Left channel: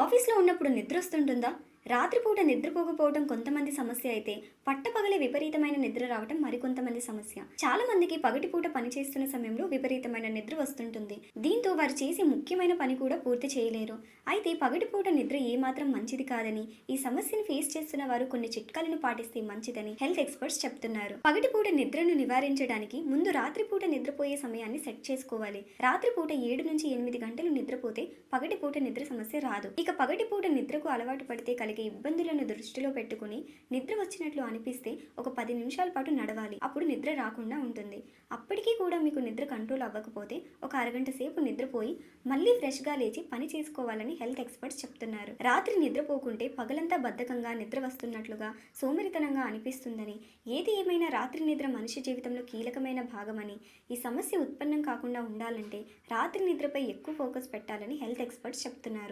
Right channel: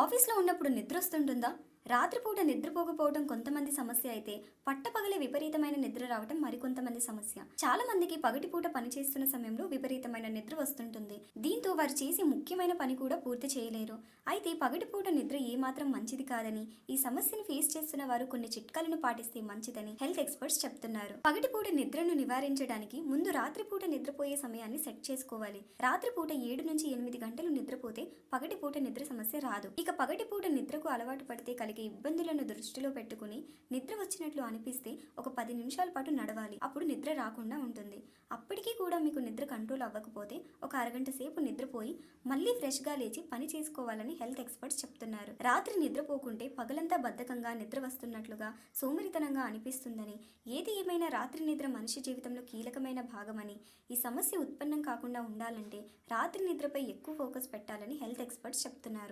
ఆఫీస్‌లో ఉన్నప్పుడు నిద్రొస్తుంటుందా? రాత్రిపూట నిద్రపోకపోవడం కొంతమంది సమస్య అయితే, పట్టపగలే విపరీతమైన నిద్ర రావటం మరికొంతమంది సమస్య. చాలా మందికి పగటిపూట పనిచేస్తున్న సమయంలో విపరీతమైన నిద్ర వస్తుంటుంది. దీంతో వారు చేసే ముఖ్యమైన పని కూడా పూర్తి చేయలేరు. అయితే పగటిపూట నిద్ర ఏమాత్రం మంచిది కాదని, ఈ సమస్యను ఫేస్ చేస్తున్న వారు కొన్ని చిట్కాలను పాటిస్తే మంచిదని హెల్త్ ఎక్స్పర్ట్స్ చెప్తున్నారు. పగటిపూట నిద్రను నివారించడానికి ముందు రాత్రిపూట నిద్రపోయే సమయాన్ని సెట్ చేసుకోవాలి. రాత్రిపూట 7 నుంచి 8 గంటలు నిద్రపోతే పగటిపూట నిద్ర సమస్య రాదు. ఇక పగటిపూట నిద్రకు అలవాటు పడితే కలిగే ఇబ్బందులను దృష్టిలో పెట్టుకుని నిద్ర వచ్చినట్లు అనిపిస్తే ఒక 10 నిమిషాల పాటు నడవాలి. అప్పుడు నిద్ర రాకుండా ఉంటుంది. అప్పటికీ కూడా మీకు నిద్ర కంట్రోల్ అవ్వకపోతే ఒక అరగంట సేపు నిద్రపోయి మళ్ళీ ఫ్రెష్గా లేచి పని చేసుకోవాలని హెల్త్ ఎక్స్పర్ట్స్ చెప్తున్నారు. రాత్రి నిద్రపోకుంటే పగలంతా బద్ధకంగా నిద్ర వస్తున్నట్లుగా సోమరితనంగా అనిపిస్తుందని, ఏది ఏమైనా రాత్రి నిద్ర మనిషి జీవితంలో కీలకమైన భాగమని, ఈ సమస్య ఉత్పన్నం కాకుండా ఉండాలంటే రాత్రి నిద్రపై ఎక్కువ ఫోకస్ పెట్టాలని హెల్త్ ఎక్స్పర్ట్స్ చెప్తున్నారు.